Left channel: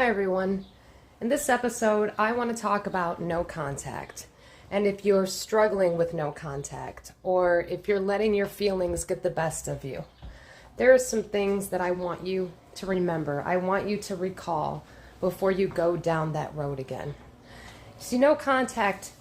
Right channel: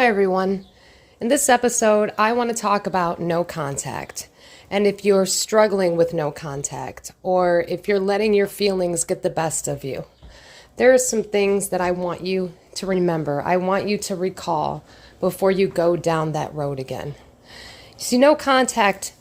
Hi, everyone. In this episode, I want to talk about no contact. And if you're struggling with no contact, or if you're letting your feelings get the best of you, there are some things that I want you to remember. I want you to recall before you go down that road again. See, no contact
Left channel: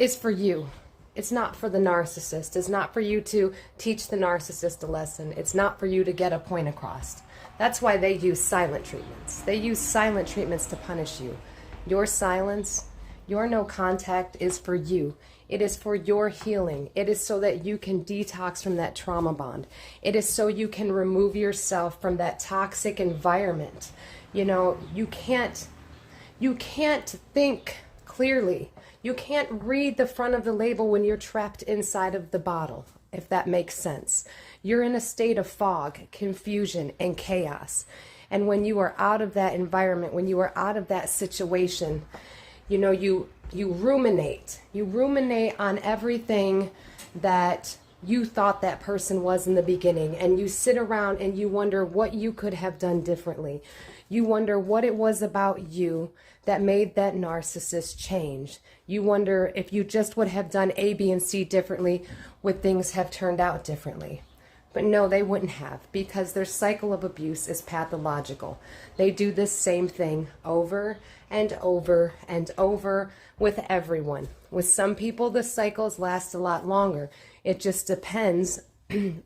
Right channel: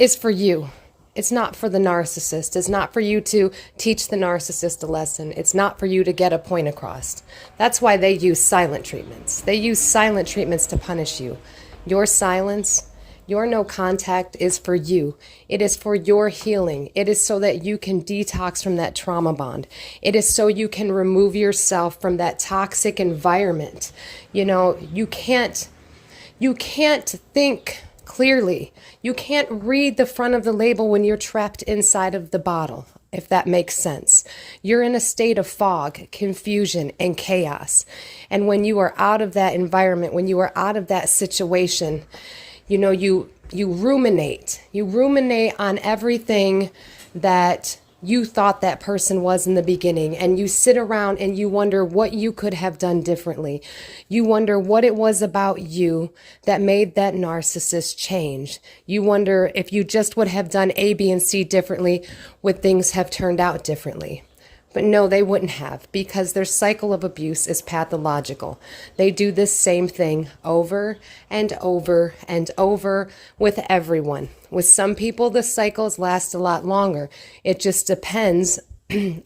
is for you. It's not for the narcissist. It's not for you to teach the narcissist a lesson. It's not for you to get a point across. That's why they use silent treatments. They use silent treatments to punish you. Your silence, your no contact is for you. It is for your healing. It is so that you can detox from that trauma bond. It is so you can remove yourself from that toxic environment. You can't think clearly. You can't read the front of the label when you're trapped inside of the bottle, if that makes sense. You're in a state of fog, confusion, and chaos. And when you are out of that environment, when you are out of that situation, you ruminate. You ruminate on everything that you thought that person was in the beginning, and you sit around and you wonder what you could have done differently. You wonder what it was about you that made that narcissist change. You wonder if you just would have done A, B, and C differently, would things have turned out differently? But no, they wouldn't have, because their cycle of abuse is pathological. They do this same thing over and over and over with everyone. With some people, the cycles last a lot longer. It just depends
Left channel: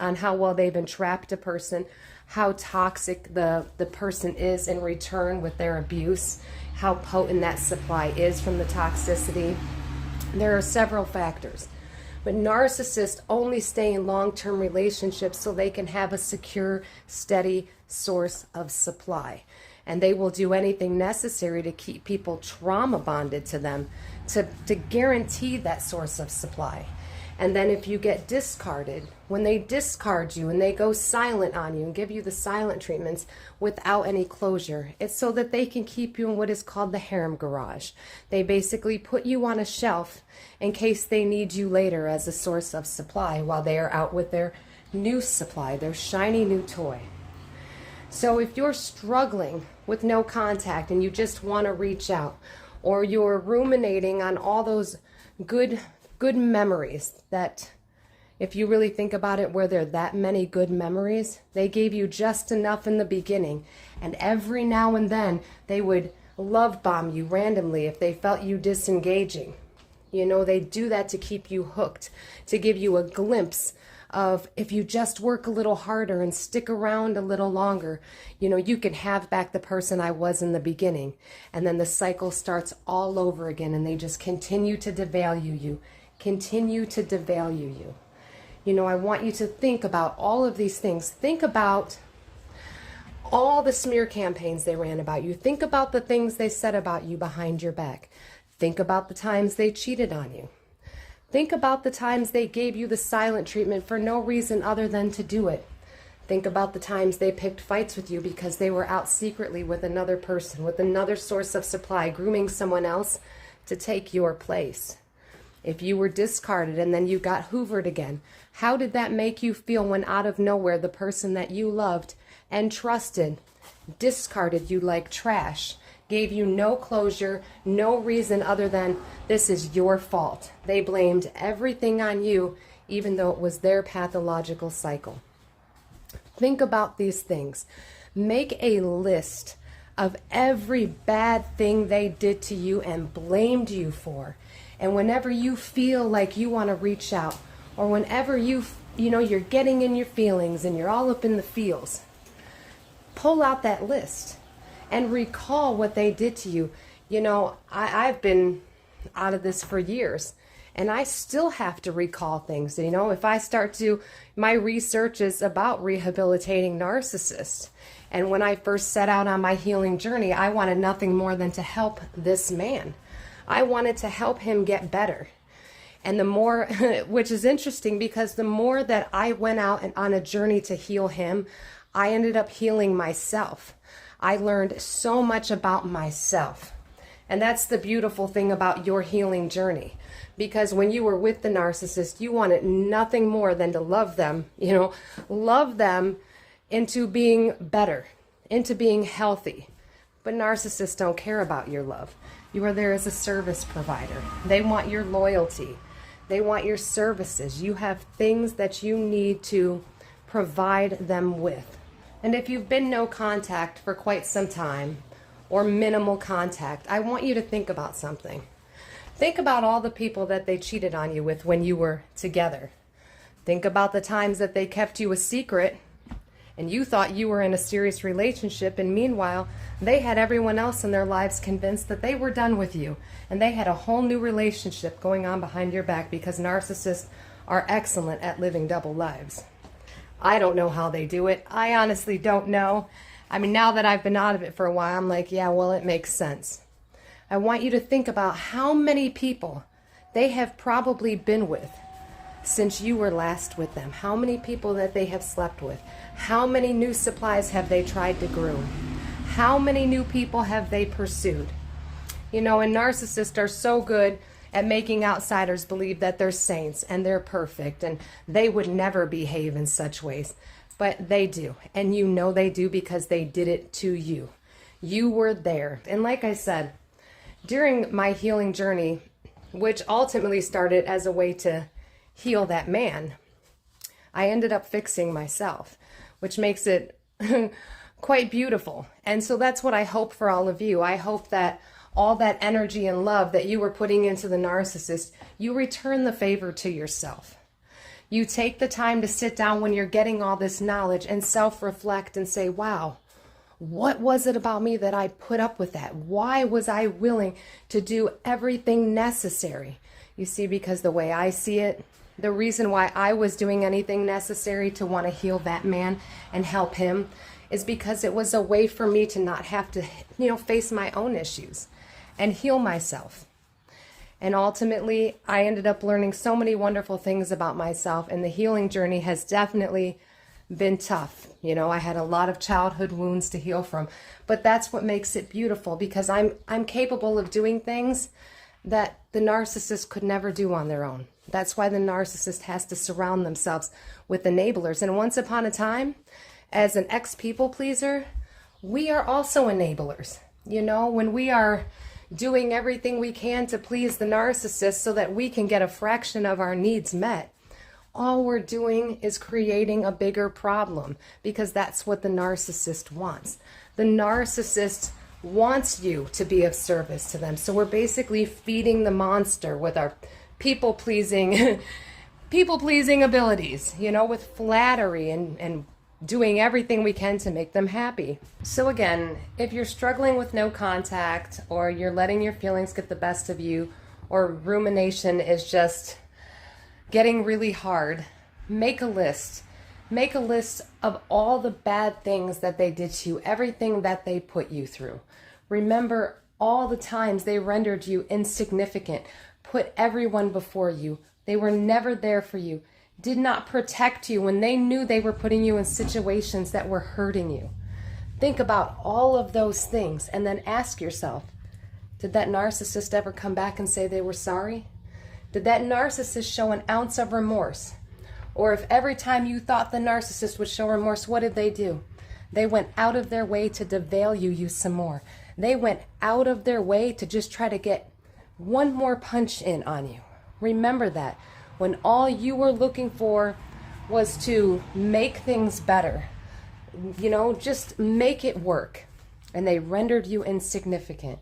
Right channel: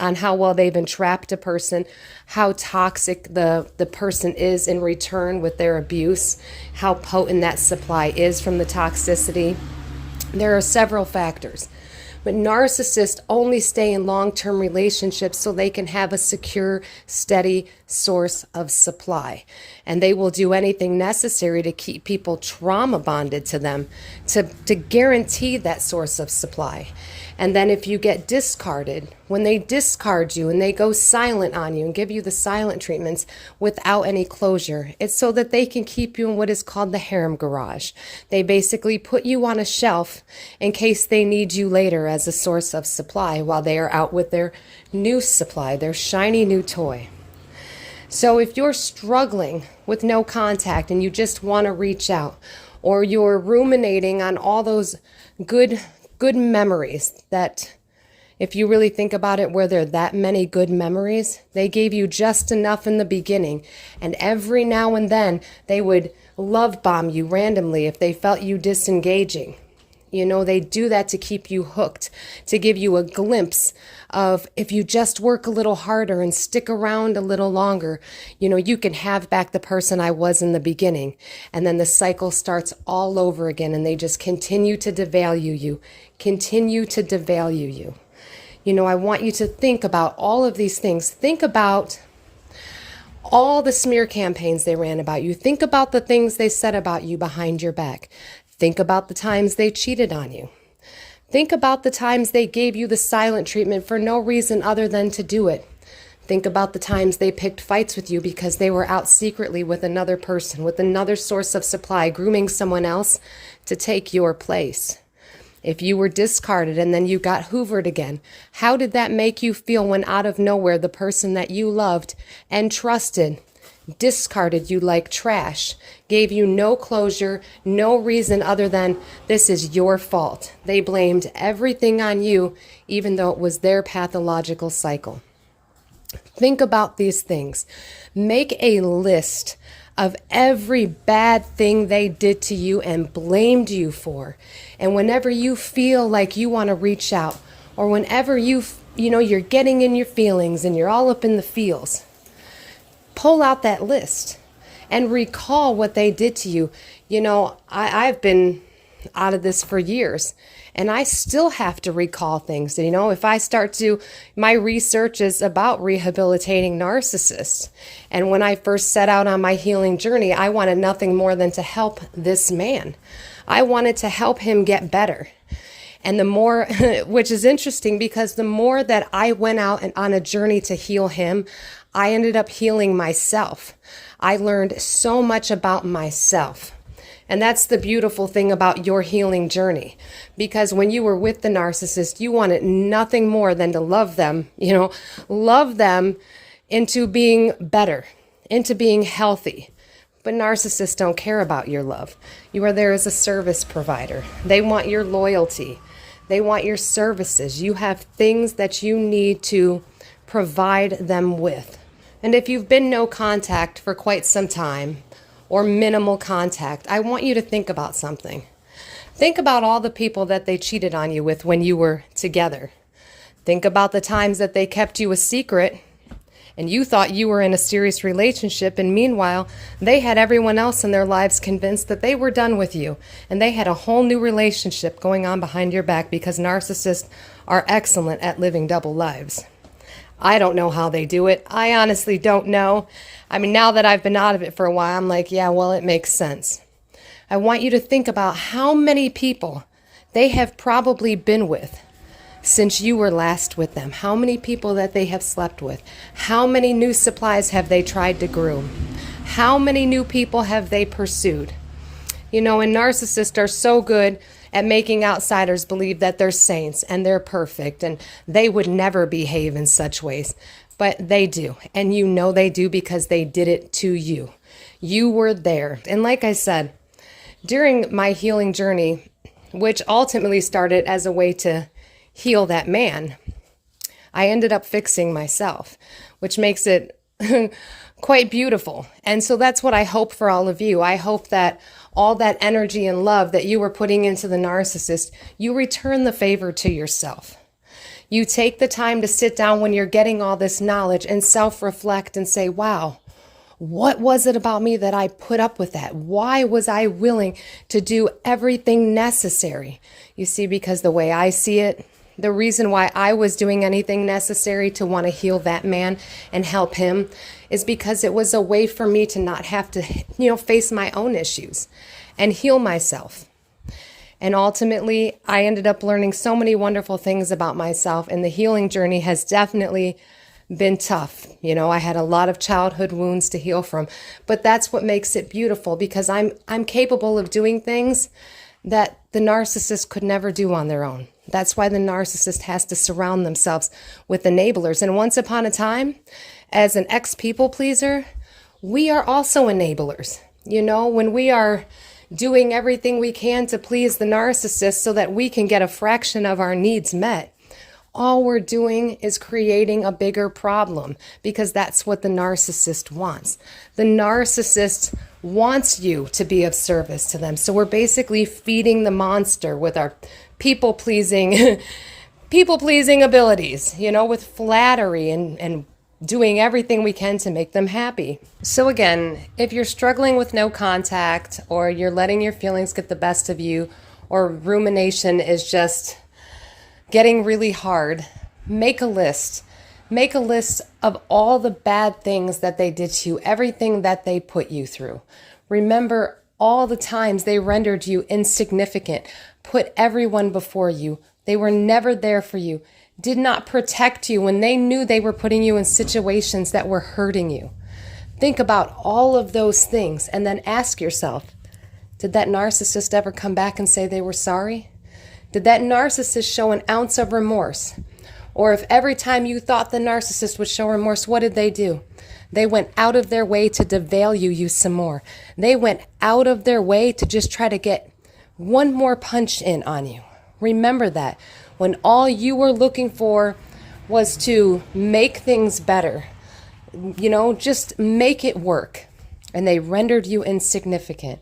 on how well they've entrapped a person, how toxic the person is in return with their abuse, how potent that supply is from the toxicity. There are several factors. But narcissists only stay in long-term relationships so they can have a secure, steady source of supply. And they will do anything necessary to keep people trauma bonded to them, to guarantee that source of supply. And then if you get discarded, when they discard you and they go silent on you and give you the silent treatments without any closure, it's so that they can keep you in what is called the harem garage. They basically put you on a shelf in case they need you later as a source of supply while they are out with their new supply, their shiny new toy. So if you're struggling with no contact and you just want to reach out, or you're ruminating on all those good memories that, if you really think about it, were there that many good memories? They gave you just enough in the beginning, and every now and then they would love bomb you randomly if they felt you disengaging. They do that to keep you hooked, to give you a glimpse of, if you just work a little harder and stick around a little longer, you can have back the person I was in the beginning. And then the cycle starts all over again, and they just continue to devalue you, continue to devalue you. I want you to think about all of these things. Think about all the smear campaigns they ran about you. Think about the things they said about you behind your back. Think about the times they cheated on you. Think about the times they gave you the silent treatment for no reason other than to do it. Think about the times they picked fights with you because they were out secretly with another person, with another source of supply, grooming someone else to take your place. If you were discarded and then you got hoovered again, how did that make you feel when out of nowhere the person that you loved and trusted discarded you like trash, gave you no closure, no reason other than this is your fault? They blamed everything on you, even though it was their pathological cycle. Think about these things. Make a list of every bad thing they did to you and blamed you for. And whenever you feel like you want to reach out, or whenever you're getting in your feelings and you're all up in the feels, pull out that list and recall what they did to you. I've been out of this for years, and I still have to recall things. If I start to, my research is about rehabilitating narcissists. And when I first set out on my healing journey, I wanted nothing more than to help this man. I wanted to help him get better. And the more, which is interesting because the more that I went out and on a journey to heal him, I ended up healing myself. I learned so much about myself. And that's the beautiful thing about your healing journey. Because when you were with the narcissist, you wanted nothing more than to love them, love them into being better, into being healthy. But narcissists don't care about your love. You are there as a service provider. They want your loyalty. They want your services. You have things that you need to provide them with. And if you've been no contact for quite some time, or minimal contact, I want you to think about something. Think about all the people that they cheated on you with when you were together. Think about the times that they kept you a secret and you thought you were in a serious relationship, and meanwhile, they had everyone else in their lives convinced that they were done with you, and they had a whole new relationship going on behind your back, because narcissists are excellent at living double lives. I don't know how they do it. I honestly don't know. I mean, now that I've been out of it for a while, I'm like, yeah, well, it makes sense. I want you to think about how many people they have probably been with since you were last with them. How many people that they have slept with. How many new supplies have they tried to groom? How many new people have they pursued? You know, and narcissists are so good at making outsiders believe that they're saints and they're perfect and they would never behave in such ways. But they do. And you know they do, because they did it to you. You were there. And like I said, during my healing journey, which ultimately started as a way to heal that man, I ended up fixing myself, which makes it quite beautiful. And so that's what I hope for all of you. I hope that all that energy and love that you were putting into the narcissist, you return the favor to yourself. You take the time to sit down when you're getting all this knowledge and self-reflect and say, wow, what was it about me that I put up with that? Why was I willing to do everything necessary? You see, because the way I see it, the reason why I was doing anything necessary to want to heal that man and help him is because it was a way for me to not have to, face my own issues and heal myself. And ultimately, I ended up learning so many wonderful things about myself, and the healing journey has definitely been tough. I had a lot of childhood wounds to heal from, but that's what makes it beautiful, because I'm capable of doing things that the narcissist could never do on their own. That's why the narcissist has to surround themselves with enablers. And once upon a time, as an ex-people pleaser, we are also enablers. When we are doing everything we can to please the narcissist so that we can get a fraction of our needs met, all we're doing is creating a bigger problem, because that's what the narcissist wants. The narcissist wants you to be of service to them. So we're basically feeding the monster with our people-pleasing abilities, with flattery and doing everything we can to make them happy. So again, if you're struggling with no contact, or you're letting your feelings get the best of you, or rumination is just getting really hard, make a list. Make a list of all the bad things that they did to you, everything that they put you through. Remember all the times they rendered you insignificant, put everyone before you. They were never there for you, did not protect you when they knew they were putting you in situations that were hurting you. Think about all of those things and then ask yourself, did that narcissist ever come back and say they were sorry? Did that narcissist show an ounce of remorse? Or if every time you thought the narcissist would show remorse, what did they do? They went out of their way to devalue you some more. They went out of their way to just try to get one more punch in on you. Remember that. When all you were looking for was to make things better, just make it work. And they rendered you insignificant.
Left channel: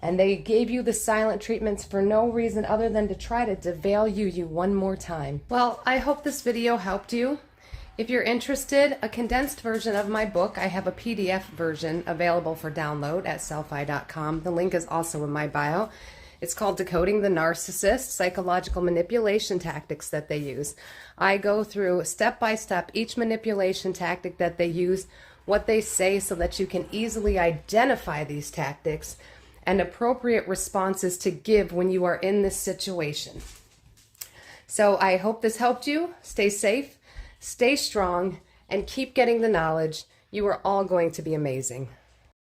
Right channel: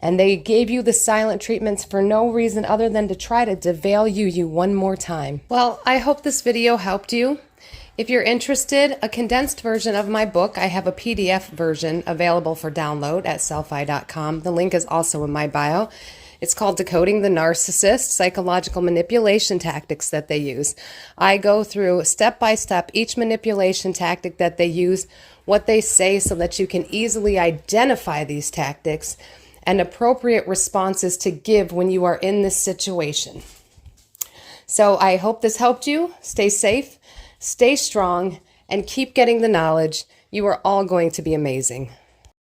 And they gave you the silent treatments for no reason other than to try to devalue you one more time. Well, I hope this video helped you. If you're interested, a condensed version of my book, I have a PDF version available for download at sellfy.com. The link is also in my bio. It's called Decoding the Narcissist, Psychological Manipulation Tactics that they use. I go through step by step each manipulation tactic that they use, what they say, so that you can easily identify these tactics and appropriate responses to give when you are in this situation. So I hope this helped you. Stay safe, stay strong, and keep getting the knowledge. You are all going to be amazing.